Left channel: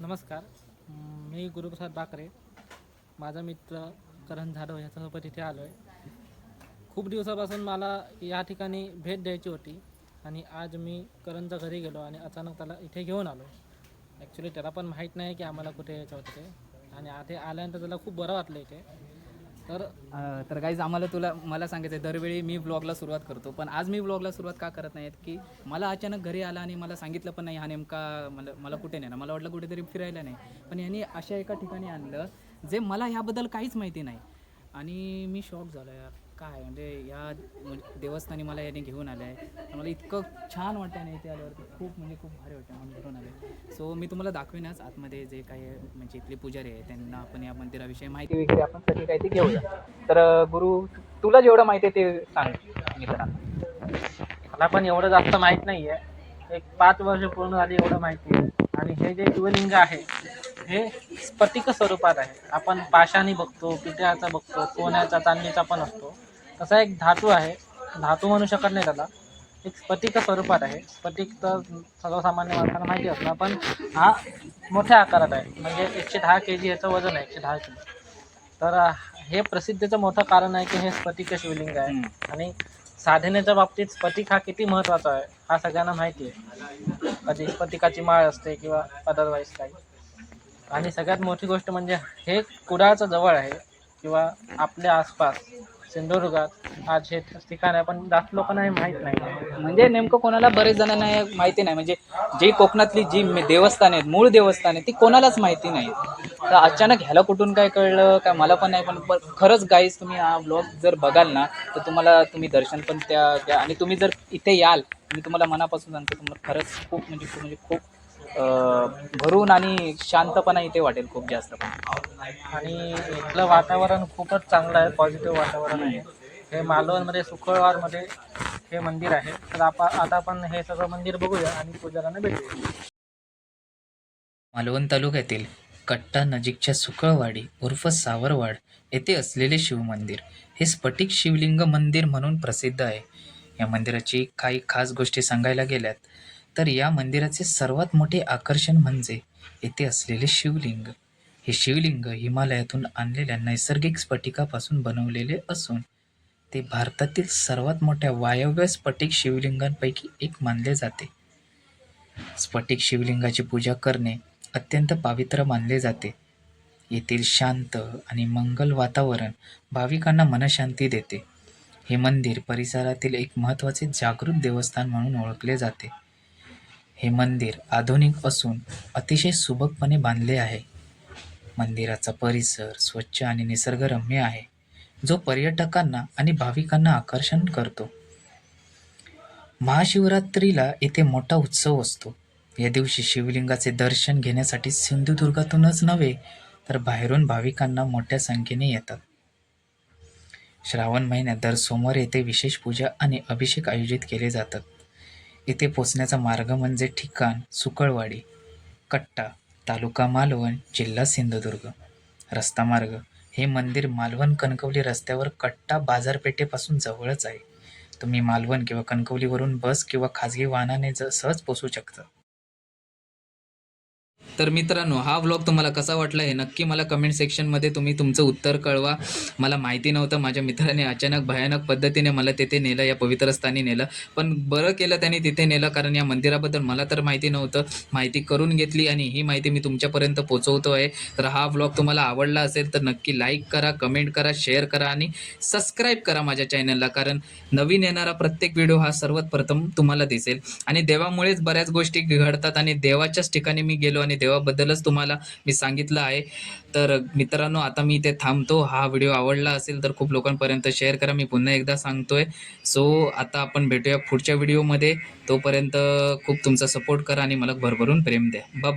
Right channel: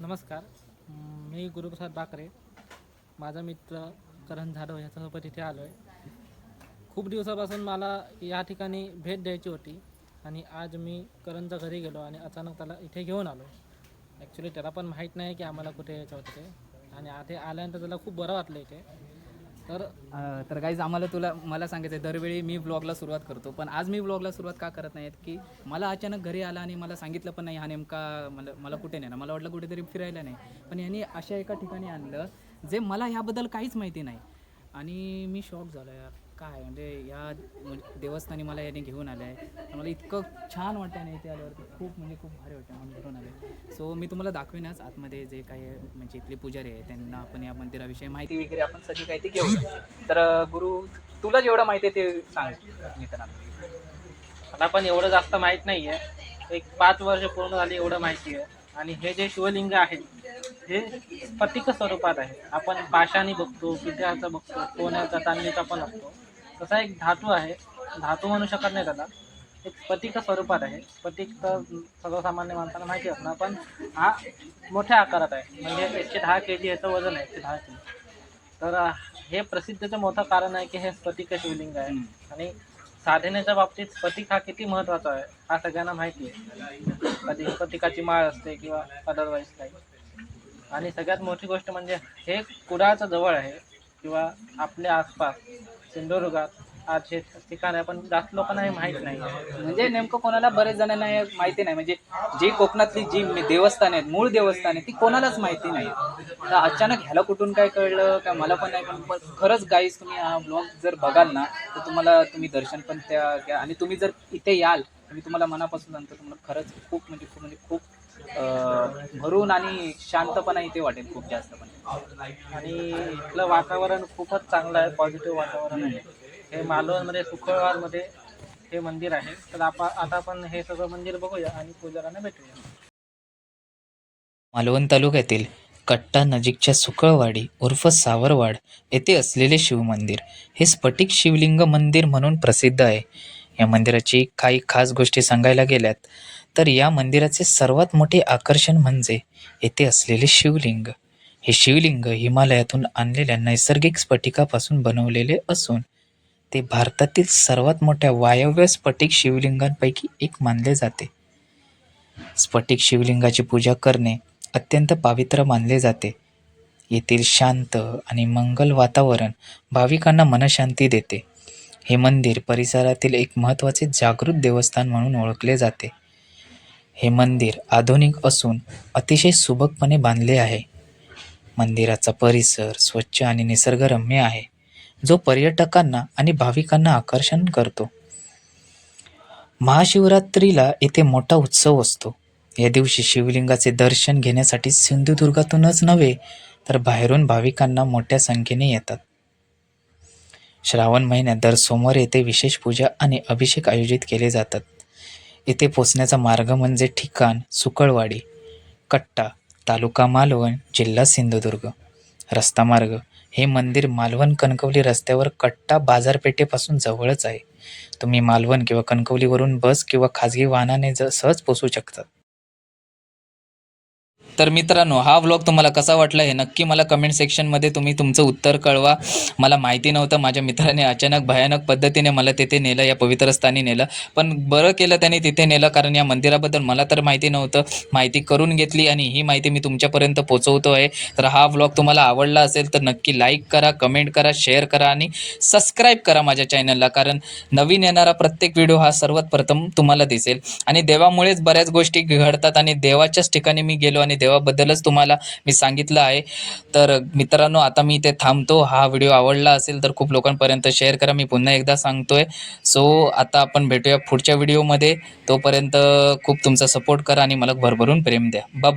नमस्कार. मी गुरुप्रसाद बाकरे. माझा मित्र करण जाधव याच्यासोबत इथे आलो आहे. खूप दिवसापासून मला या ठिकाणी भेट द्यायची होती आणि आज मी करणच्या घरी गेलो आणि अचानक त्याला इथे घेऊन आलो. ॲक्च्युली त्याला पण माहीत नाही की आम्हाला कुठे यायचं होतं ते, आणि आधी आल्यानंतर त्याला खूप बरं वाटलं इथे. तर गाईज मला सांगायचं आहे, दरवेळी मी व्लॉगला सुरुवात करतो, पण आज मी व्लॉगला सुरुवात का करत नाही की मला अचानक घरी आला आणि मला सांगितलं पण नाही हा नेमका मला कुठे नेणार. मला वाटलं कुठेतरी फिरायला नाही, पण यांनी अशा एका ठिकाणी आणलं जे मला ह्याबद्दल काहीच माहिती नाही आणि मी शॉक झालो यार. काय म्हणजे या देवस्थानी मला याने घेऊन आलं आहे. मला इतकं छान वाटतं आणि इथे आल्यावरती खूप भारी वाटतं, मन भरून आलं. सो मी तुम्हाला दाखवीनच आतमध्ये जे काही म्हणजे इथले पुजारी आहे त्यांना आपण या मंदिराविषयी माहिती वगैरे आपण सगळी काही ती घेऊया. तर गुरु, तुला जेवढं माहिती आहे ते सांग मित्रांनो. मला पण एवढं जास्त माहीत नाही आहे. एक 5 वर्ष पूर्ण झाली एवढं माहिती आहे. आणि हे जे शिवलिंग आहे हे स्फटिक स्वरूपात आहे. आपण पाषाणी बघतो, पितळाचा बघतो, सोन्याचा, चांदीचा पण असतो. तसा एक धातू आहे. धातू म्हणू शकत नाही त्याला. एक स्फटिक स्वरूपात आहे. स्फटिक तर सर्वसामान्य माणसाला माहिती असणार, पण हा मोठ्या आकारात आहे. म्हणजे 110 kg याचं वजन आहे, 110 kg. तर हे प्रसिद्धीचं मोठं कारण आहे की हे स्फटिक शिवलिंग आहे. आणि साधनेच्या बाबतीत स्फटिक हा किती महत्त्वाचा आहे हा सगळ्यांना माहिती आहे. कधी स्फटिकाची माळ असते किंवा अदरवाईज काही. आणि सगळ्यात मोठी गोष्ट म्हणजे हे कुडाळचं जवळ आहे किंवा आपल्या आसपास सिंधुदुर्गात आज हे ठिकाण आहे, पण जास्त लोकांना हे माहीत नाही. म्हणजे नेमकं कोणाला, बरेच जणांना माहिती नाही. म्हणजे जी कोकणातली जी देवस्थान आहेत, मूळ देवस्थान आहे, ती कोणालाच माहिती नाही. तर अचानक ह्याला कुठून काय कळलं काय मला पण नाही, पण खरंच गाईज तुम्ही हा ब्लॉग जर बघाल ना तर तुम्ही दर्शन पण त्या आणि तुम्ही जर इथे याल, मी तुम्हाला मनापासून सांगतो, तुम्हाला खरंच खूप भरून आणि शांतपणा इथे वाटेल खूप जास्त. आणि इथलं वातावरण खूपच चांगलं आहे, पॉझिटिव्ह वातावरण आहे. हे मालवणमध्ये शुक्रवारमध्ये हे मंदिर आहे. तर आता आपण हे सगळं मंदिर बघूया आणि पुजाऱ्यांना भेटूया. मालवण तालुक्यातील कट्टा नजीकच्या सुकळवाडी उर्फ सावरवाड येथे असलेले शिवमंदिर हे स्फटिक शिवलिंग मंदिर म्हणून प्रसिद्ध आहे. या मंदिराची काही खास गोष्टी सांगायला गेल्यात तर या मंदिराचे सर्वात मोठे आकर्षण म्हणजे येथे असलेले शिवलिंग. हे शिवलिंग हिमालयातून आणलेल्या नैसर्गिक स्फटिकापासून बनवलेले असून ते भारतातील सर्वात मोठ्या वायव्य स्फटिक शिवलिंगांपैकी एक मानले जाते. स्फटिक शिवलिंगाची पूजा करणे अत्यंत पवित्र मानले जाते. येथील शांत आणि मंगल वातावरण भाविकांना मनशांती देते. हे मंदिर परिसरातील एक महत्त्वाचे जागृत देवस्थान म्हणून ओळखले जाते. हे मंदिर आधुनिक असून अतिशय सुबकपणे बांधले आहे. मंदिराचा परिसर स्वच्छ आणि निसर्गरम्य आहे, जो पर्यटकांना आणि भाविकांना आकर्षण करतो. महाशिवरात्रीला येथे मोठा उत्सव असतो. या दिवशी शिवलिंगाचे दर्शन घेण्यासाठी सिंधुदुर्गातूनच नव्हे तर बाहेरून भाविकांना मोठ्या संख्येने येतात. श्रावण महिन्यात दर सोमवारी येथे विशेष पूजा आणि अभिषेक आयोजित केले जातात. येथे पोचण्याचा मार्ग म्हणजे ठिकाण सुकळवाडी, कट्टा, तालुका मालवण, जिल्हा सिंधुदुर्ग. रस्ता मार्ग, हे मंदिर मालवण कणकवली रस्त्यावर कट्टा बाजारपेठेपासून जवळच आहे. तुम्ही मालवण किंवा कणकवलीवरून बस किंवा खाजगी वाहनाने सहज पोहोचू शकता. तर मित्रांनो, हा व्लॉग तुम्हाला कसा वाटला हे नक्की मला कमेंट सेक्शनमध्ये तुम्ही तुमचं उत्तर कळवा. मला माहिती नव्हतं, माझ्या मित्राने अचानक भयानक पद्धतीने मला तिथे नेलं, या पवित्र स्थानी नेलं. पण बरं केलं त्याने तिथे नेलं, कारण या मंदिराबद्दल मला तर माहिती नव्हतं. माहिती करून घेतली आणि ही माहिती मी तुमच्यापर्यंत पोहोचवतो आहे. तर हा व्लॉग तुम्हाला आवडला असेल तर नक्की लाईक करा, कमेंट करा, शेअर करा आणि सबस्क्राईब करा माझ्या चॅनलला, कारण नवीन येणारा प्रत्येक व्हिडिओ हा सर्वात प्रथम तुम्हाला दिसेल. आणि देवामुळेच बऱ्याच गोष्टी घडतात आणि देवाच्याच ठिकाणी मी गेलो आणि देवाबद्दलच तुम्हाला मी सांगितलं आहे. तर मित्रांनो, आता मी इथे थांबतो. हा व्हिडिओ आवडला असेल तर खूप लोकांपर्यंत शेअर करा, मी पुन्हा एकदा सांगतोय. सो आता आपण भेटूया पुढच्या व्हिडिओमध्ये. तोपर्यंत खूप तुमचा सपोर्ट करा आणि मला भरभरून प्रेम द्या. बाय.